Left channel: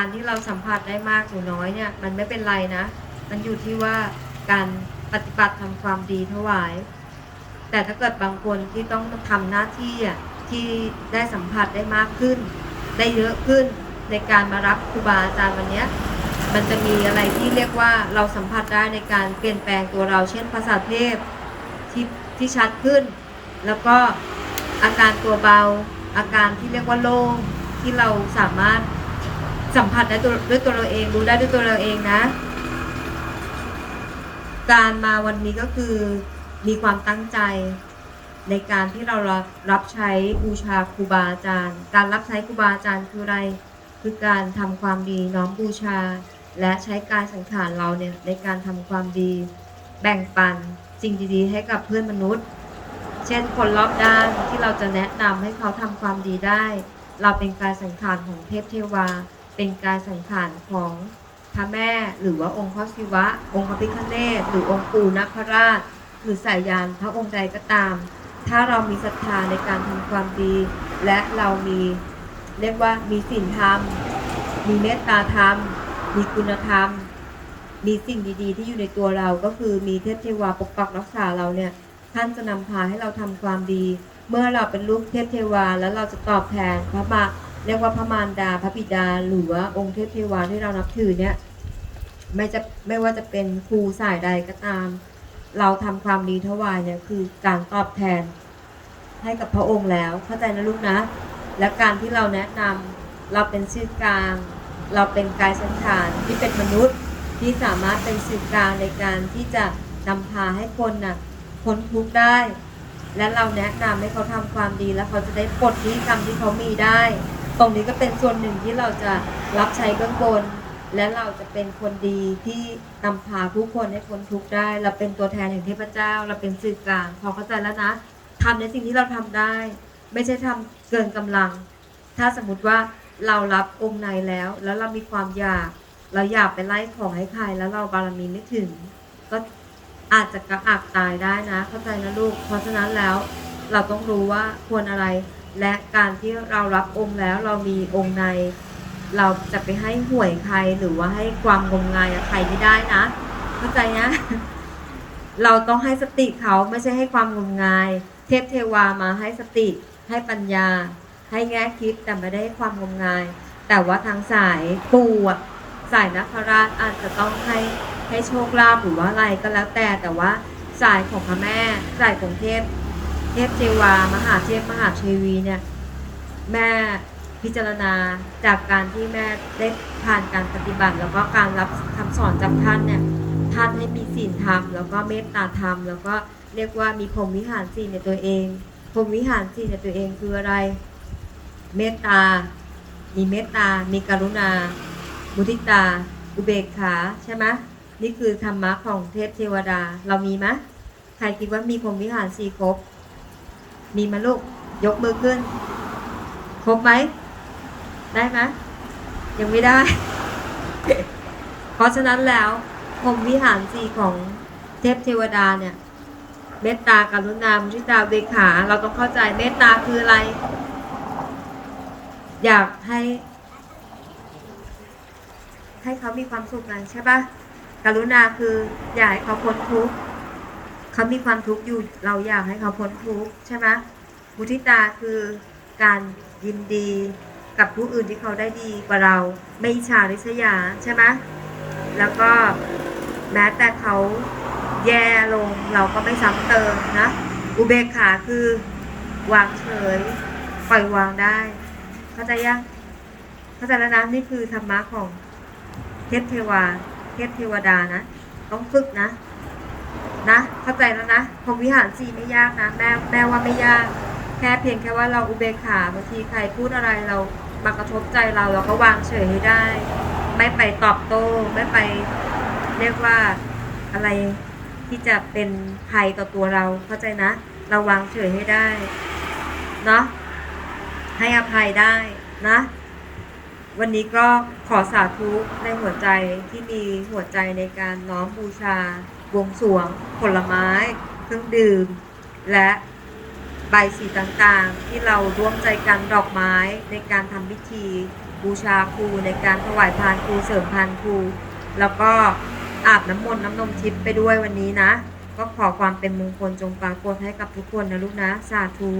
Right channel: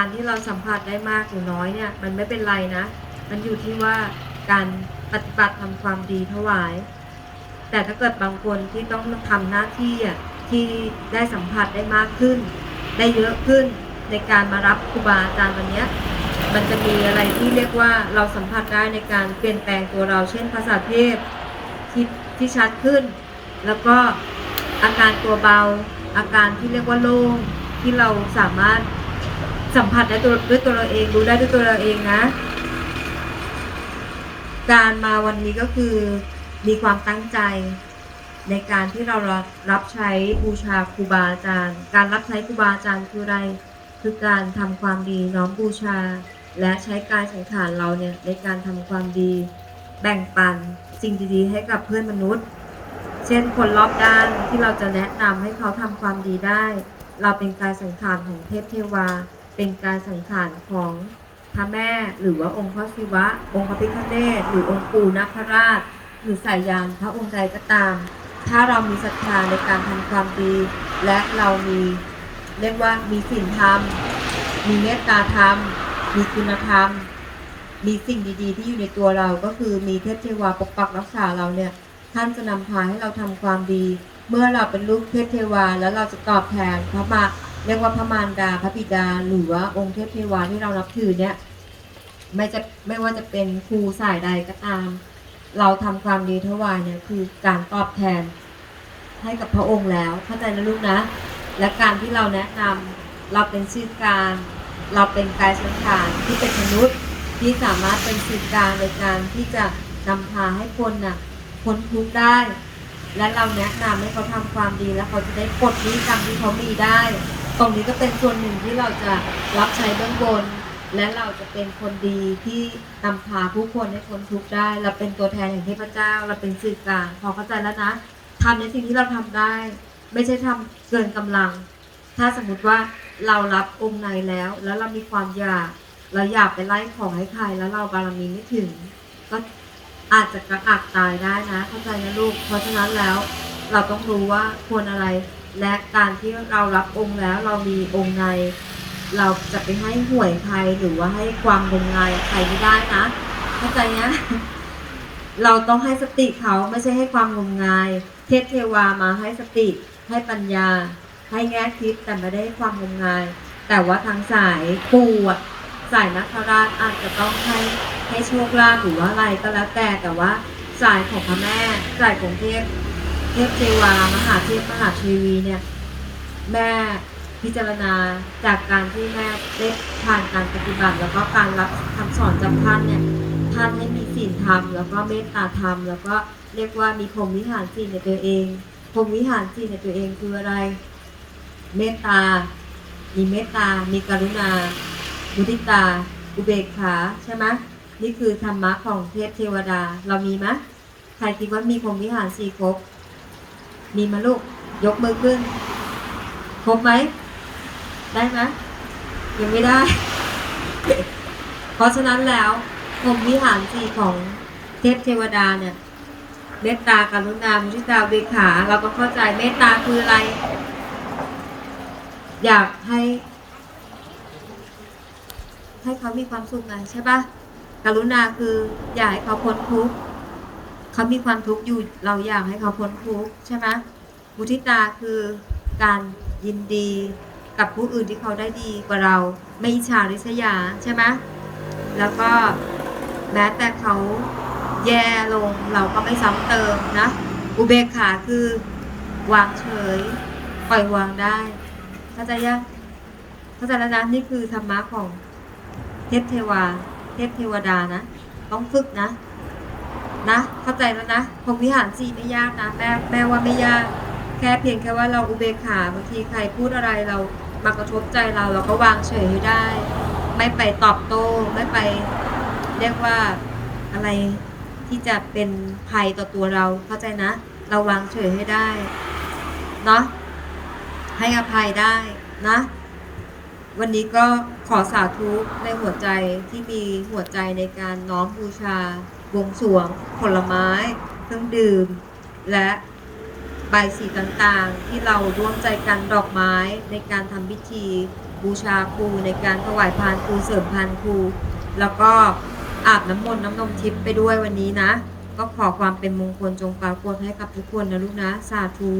การที่เราสัมผัสได้มากหรือน้อยเนี่ยมันไม่เป็นไรนะ มันอยู่ที่ว่าการปฏิบัติทำความดีถวาย แต่ถ้าเกิดบางคนที่ต้องทำหน้าที่อะที่ได้สัมผัสได้มากขึ้น ได้เยอะขึ้นในการมารับครูบาอาจารย์วันนี้มันจะมีอะไรที่เรียกว่าเราสัมผัสได้ในการเปลี่ยนแปลงตัวเราเช่นภาษาเทพที่ที่ชัดขึ้น แล้วก็อาการตัวเบา อาการที่เรียกว่าโล่งที่เราสามารถ สัมผัสได้ด้วยตัวเราเองรู้ได้ด้วยตัวเราเองนะ การมาวันนี้ก็คือมีความตั้งใจในการที่เรารับใช้บูชาครูบาอาจารย์ การรับใช้ครูบาอาจารย์คืออะไร คือการทำความดีน้อมบูชา และใช้การสังขารเราเนี่ยในการทำความดี แบ่งปันสิ่งดีๆให้กับเพื่อนมนุษย์ เช่นคนรอบด้านที่เราจะแนะนำให้เขาทำความดีได้ เราเป็นการสังขารของเทพเทวา เป็นการสังขารของพระแม่หรือว่าองค์พระศิวะ องค์พระพิฆเนศหรือองค์ปู่นาคราช หรือสายยานพระองค์ใดก็ตาม ถ้าเรามีศรัทธาในการทำความดี และเรามีเรียกว่ามีศีลธรรม มีเมตตาธรรม มีคุณธรรม มีสิ่งดีๆ ที่อยู่ในตัวเราก็คือมีเทพเทวาปกปักรักษาเราเนี่ยท่านจะนำพาให้เราทำความดี เมื่อเราเป็นลูกเทพเทวาแล้วเราจะตอบแทนพระมา เรียกว่าพระมารดาพระบิดาหรือว่าองค์เทพเทวาที่เรานับถือเนี่ยไม่จะไม่ว่าจะเป็นครูสายใดก็ตาม เราทำความดีถวายเนี่ยคือการตอบแทนให้กับพระองค์แล้ว เข้าใจนะลูกนะ และการที่เราแนะนำเราเป็นชื่อกลาง เราเป็นกายสังขารที่เป็นมนุษย์ที่สามารถเป็นสื่อกลางในการที่จะนำพาให้คนน่ะพ้นทุกข์ได้ และเราแนะนำให้เขาทำความดีแล้วเขาจะได้ปลดนี้กรรมที่เขามีได้ ตรงนี้ก็เป็นส่วนหนึ่งที่เราจะรับใช้เบื้องบน และเราจะเป็นคนดีที่นำพาผู้คนให้พ้นทุกข์ได้ เราเป็นตัวแทนแห่งเทพเจ้า เราเป็นสื่อกลางพอเข้าใจแล้วนะทำในสิ่งที่เราทำได้ ไม่ใช่ทำเกินกำลัง ถ้าสมมติว่าเรารับองค์ในแล้ว แล้วเรามีความอยาก เราอยากไปไล่ของให้ใครแล้วเราบารมีไม่ถึง ก็อาจจะกระอักตายได้นะ เข้าใจนะลูก เพราะฉะนั้นแล้ว เราต้องรู้ว่าควรอะไร และการที่เรารับองค์แล้วเรามีองค์ใน เราจะไปให้หวยใครหรือว่าให้ความงมงายใครไม่ได้นะเข้าใจนะเราต้องให้สติเขาไม่ใช่ให้ความงมงาย เทพเทวามาให้สติ ให้ปัญญา ให้แง่คิดแต่ไม่ได้ความงมงาย แต่ว่าทางสายปู่อะสายนักราชอาจจะต้องให้ให้โชคลาภหรือว่าอะไรก็แล้วแต่แต่ว่าสายของพระแม่สายของเทพ เทพเทวามหาเทพมหาเทวีเนี่ยแม่พิจารณาจากการที่แม่ได้ผ่านการปฏิบัติแล้วก็การรับคำสอนจากท่านเนี่ยท่านให้มีศีลธรรมแล้วก็เมตตาธรรมแล้วก็เรียกว่ามีพรหมวิหารสี่ในตัวเองพรหมวิหารสี่ในตัวเองคืออะไร เมตตา มีเมตตา มีกรุณา มุทิตา อุเบกขาใช่ไหมนี่คือธรรมะของเทพเทวดาเรามีไหมใครคิดว่ามีพรหมวิหารสี่ครบ มีไหมลูก ยกมือขึ้น ครบไหม ได้ไหมยังไม่ได้ เพราะฉะนั้นแล้วพรหมวิหารสีของเทพเทวดาเนี่ย เมตตากรุณามุทิตาเบขา เราต้องเข้าใจเมตตาคืออะไร อยากให้ ให้เขามีความสุขไงใช่ปะกรุณาคือ อยากให้เขาพ้นทุกข์ เขามีความทุกข์อยู่เราอยากให้เขาพ้นทุกข์ใช่ไหมมุทิตาคือการยินดีกับผู้อื่นที่เขาได้ดีกว่าเราไม่อิจฉาริษยาใช่ไหมแล้วก็แม้แต่เขาแย่ลงเราก็ไม่ซ้ำเติมนะ อุเบกขาคือวางเฉยปล่อยวางได้เข้าใจยังเข้าใจแล้วนะนี่คือธรรมะของเทพเทวา เทพเทวดานะ ต้องฝึกนะ นะ เข้าใจแล้วนะพรมวิหารสี่ไม่ยากนะ แม่แม่ว่าไม่ยาก แค่เพียงแค่ว่าเราอุเบกขาบางทีใครพูดอะไรเรามากระทบใจเราเราก็วางเฉยได้ ไม่ไปตอบโต้ไม่ไป เรียกว่าอะไรที่จะเป็นภัยต่อตัวเราเข้าใจนะ เราวางเฉยให้ได้เนาะให้อภัยได้นะ วันนี้ก็ขอสาธุในหัวใจที่มีหัวใจในการน้อมบูชา วงสวง ผลไม้ เครื่องดื่ม และใบสีต่างๆ ที่เราร่วมใจกันดอกไม้ในการทำพิธี บูชาครูในการถวายทานครูเสริมพานครู แล้วก็อาบน้ำมนต์น้ำนมทิพย์ไปด้วยวันนี้นะ ก็ขอความเป็นมงคลจงปรากฏให้กับทุกคนนะลูกนะ สาธุ